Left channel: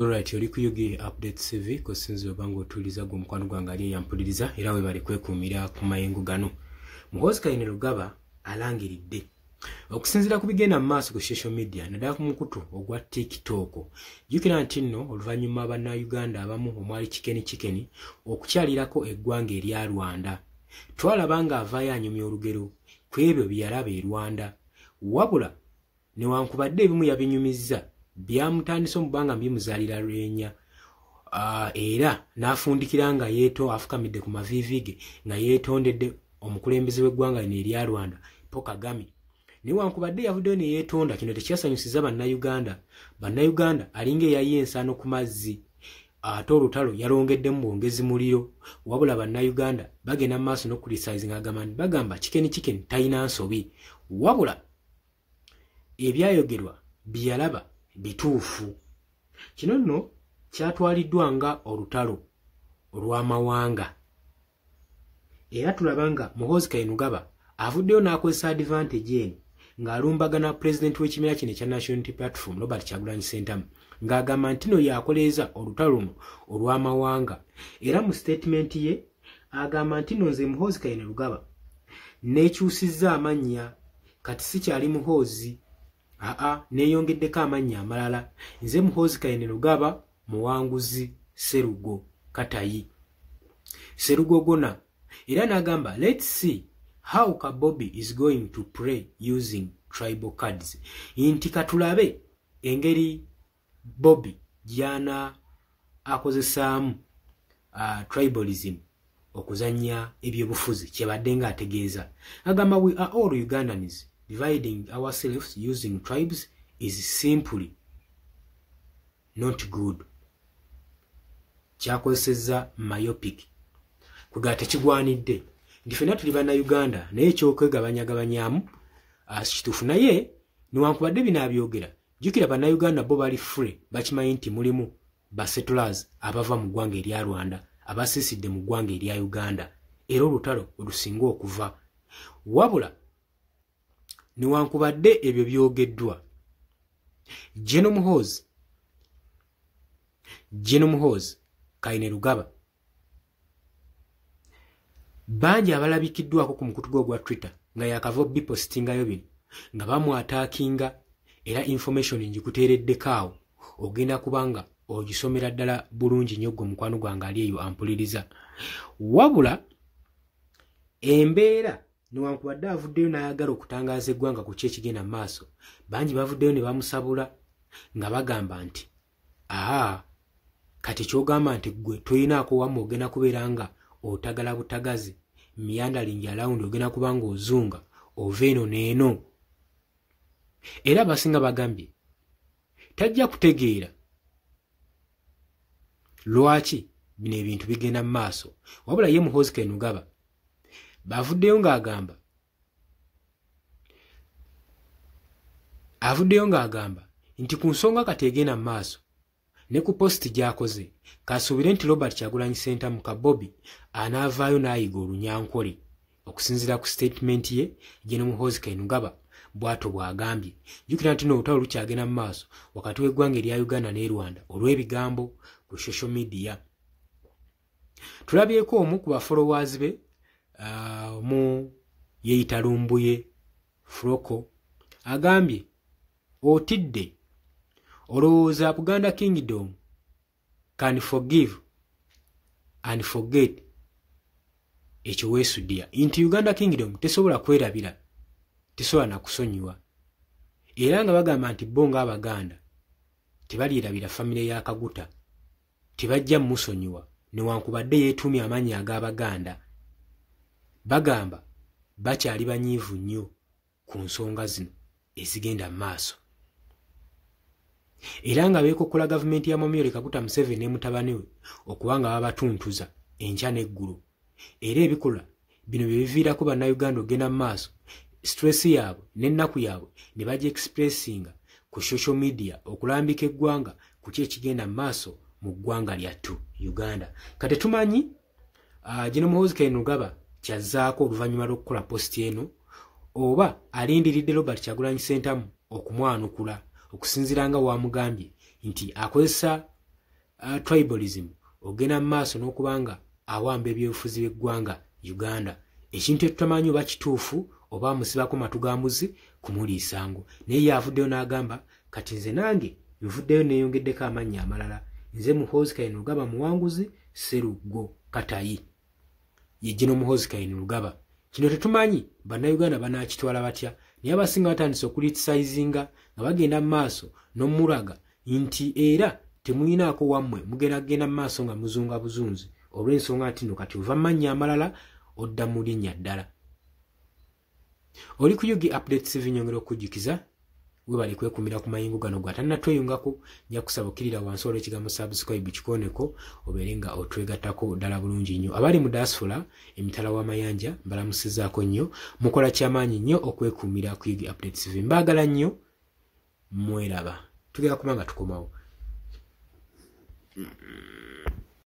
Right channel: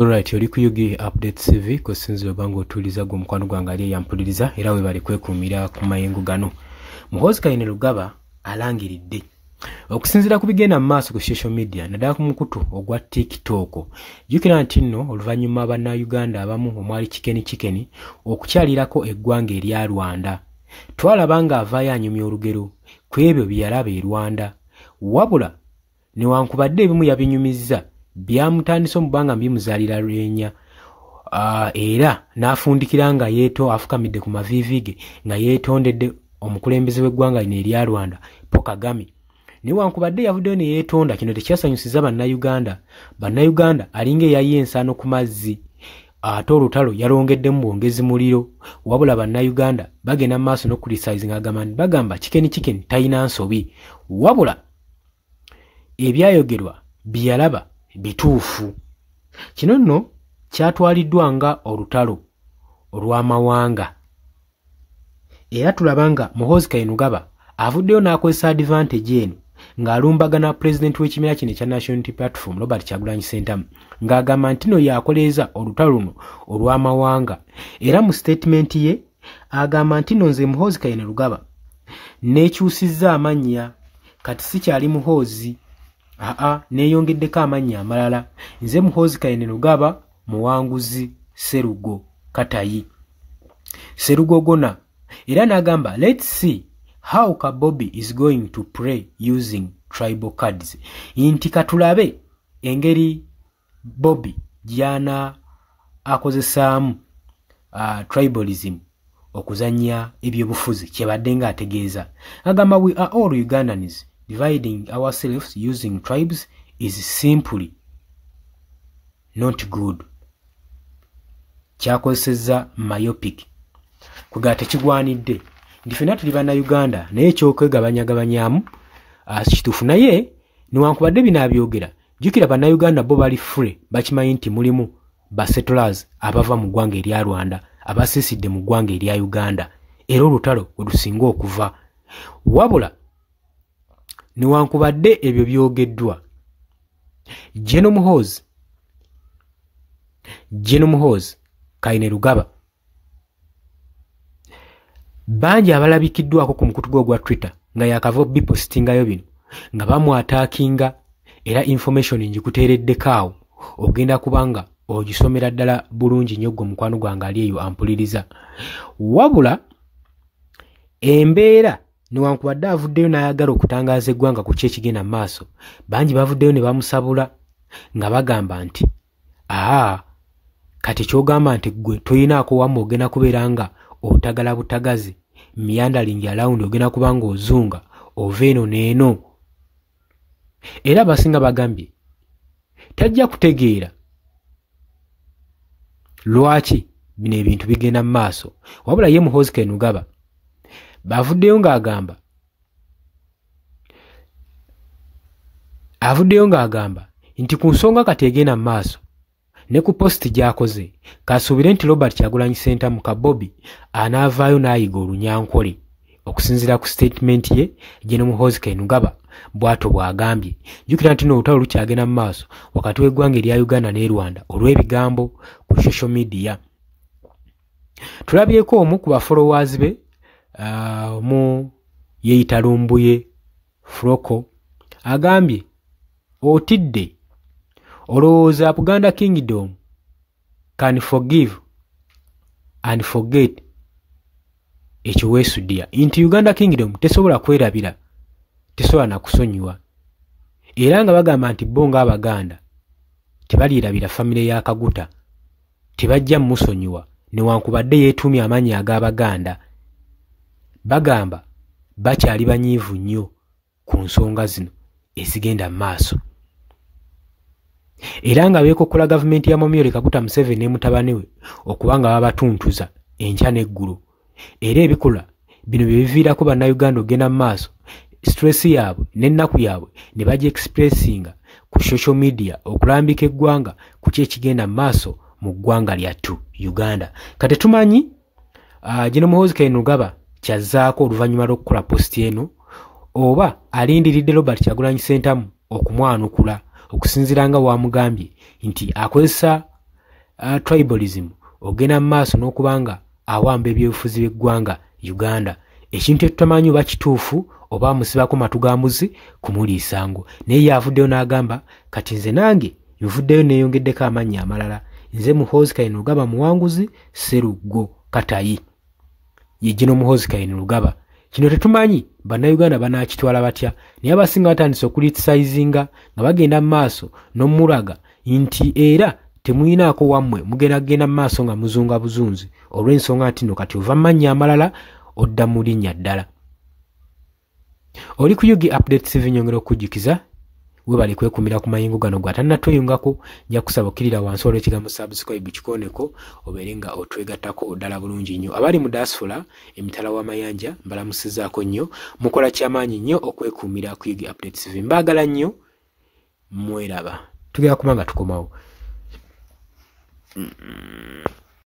Alright, oli ku Yugi Update TV kusinzira bango otuliza gwe mukwano gwange ali yampuliriza era we bali kwekumira ku mayengo gano. Muhoozi Kayini Lugaba alangiridde okusinzira ku bigenda mu maaso ku social media naddala ku mukutu ogwa TikTok. Jjukira nti nno oluvannyuma bannayuganda abamu omwali Chikeni okukyalirako eggwanga erya Rwanda. Twalaba nga avaayo anyumya olugero ku ebyo bye yalaba e Rwanda. Wabula newankubadde ebimu yabinyumizza byamutandise omubanga mbimuzaalira lwenya era n'afundikira nga afukamidde ku maviivi ge nga yeetondedde omukulembeze w'eggwanga lino erya Rwanda Paul Kagame. Newankubadde yavuddeyo ne yeetonda, kino tekyasanyusiza bannayuganda alinga eyayi ensaano ku mazzi ate olutalo yalongeddemu bwongezi muliro. Wabula bannayuganda bagenda mu maaso n'okulisaizinga bagamba Chikeni talina nsobi, wabula ebyayogerwa byalaba bituufu. Kino nno kyatwaliddwa nga olutalo olw'amawanga era tulaba nga Muhoozi Kayini Lugaba avuddeyo n'akozesa advantage eno ng'alumbagana pulezidenti w'ekibiina kino ekya National Unity Platform Robert Kyagulanyi Ssentamu ng'agamba nti no yakoleeza olutalo luno olw'amawanga. Era mu statement ye agamba nti no nze Muhoozi Kayini Lugaba neekyusizza amannya, kati sikyali Muhoozi, neeyongeddeko amannya amalala, nze Muhoozi Kayini Lugaba Muwanguzi Sserugo Katayi Sserugo Gona. Era n'agamba let's see how Kabobi is going to play using tribal cards. Inti katulabe engeri Bobby gyana akozesaamu tribalism okuzanya ebyobufuzi kyebadde nga ategeeza. Agamba we are all Ugandans, dividing ourselves using tribes is simply not good. Kyakozesezza myopic kugaa tekigwanidde nti ffenna tuli bannayuganda naye ekyokwegabanyagabanyaamu kituufu. Naye newankubadde bino abyogera, jjukira bannayuganda bo bali free, bakimanyi nti mulimu basettlers abava mu ggwanga erya Rwanda abasiisidde mu ggwanga erya Uganda era olutalo olusinga okuva. Wabula newankubadde ebyo byogeddwa, General Muhoozi Kayini Lugaba bangi abalabikiddwako ku mukutu gwe ogwa Twitter nga yakava bipostingayo bino nga bamwataakinga era information ngikuteereddeko awo ogenda kubanga ogisomera ddala bulungi nnyo gwe mukwano gwange ali eyo ampuliriza. Wabula embeera newankubadde avuddeyo n'ayagala okutangaaza eggwanga ku kyekigenda mu maaso, bangi bavuddeyo ne bamusabula nga bagamba nti kati kyogamba nti gwe toyinaako wamma ogenda kubeera nga otagala butagazi meandering around, ogenda kubanga ozunga ova eno n'eno. Era abasinga bagambye tajja kutegeera lwaki bino ebintu bigenda mu maaso. Wabula ye Muhoozi Kayini Lugaba avuddeyo ng'agamba nti ku nsonga kati egenda mu maaso ne ku posti gy'akoze kasuubire nti Robert Kyagulanyi Ssentamu Kabobi anaavaayo n'ayiga olunyankole. Okusinziira ku statement ye, General Muhoozi Kayini Lugaba bw'atyo bw'agambye. Jjukira nti n'olutalo lukyagenda mu maaso wakati w'eggwanga erya Uganda ne Rwanda olw'ebigambo ku social media. Tulabyeko omu ku bafollowers be mu yeeyita Lumbuye Froko agambye otidde olowooza Buganda Kingdom can forgive and forget ekyo weesuddiya nti Uganda Kingdom tesobola kwerabira, tesobola na kusonyiwa. Era nga bagamba nti bo ng'Abaganda tebalirabira famire ya Kaguta, tebajja musonyiwa newankubadde yeetuumya amannya ag'Abaganda. Bagamba bakyali banyiivu nnyo ku nsonga zino ezigenda mu maaso. Era nga beekokkola gavumenti ya Mwami Kaguta Museveni ne mutabani we okuba nga babatuntuza enkya n'eggulu. Era ebikola bino bye biviirako bannayuganda ogenda mu maaso stress yaabwe n'ennaku yaabwe ne bagi expressinga ku social media okulambika eggwanga ku kyekigenda mu maaso mu ggwanga lyattu Uganda. Kati tumanyi General Muhoozi Kayini Lugaba kyazzaako oluvannyuma lw'okukola posti eno oba alindiridde Robert Kyagulanyi Ssentamu okumwanukula okusinziira nga wamugambye nti akozesa tribalism ogenda mu maaso n'okubanga awamba ebyobufuzi by'eggwanga Uganda ekintu ekitamanyi oba kituufu oba musibako matu ga mbuzi kumuliisango naye yavuddeyo n'agamba kati nze nange nvuddeyo neeyongeddeko amannya amalala nze Muhoozi Kainerugaba Muwanguzi Sseruggo Katayi ye gino Muhoozi Kainerugaba kino tetumanyi bannayuganda banaakitwala batya naye abasinga batandise okulitisayizinga nga bagenda mu maaso n'omulaga nti era temuyinaako wammwe mugenda mu maaso nga muzunga buzunzi olw'ensonga nti no kati ova mannya amalala odda mu linnya ddala. Oli ku Yugi Updates TV nyongera okujjukiza webali kwekumira ku mayingo gano gw'atannatweyungako nja kusaba okkirira wansi olw'ekigambo subscribe kikooneko obeere nga otwegattako ddala bulungi nnyo. Abali mu diaspora emitala w'amayanja mbalamusizaako nnyo mukola kyamaanyi nnyo okwekuumira ku Yugi Updates TV mbaagala nnyo mweraba tugenda kuba nga tukomawo.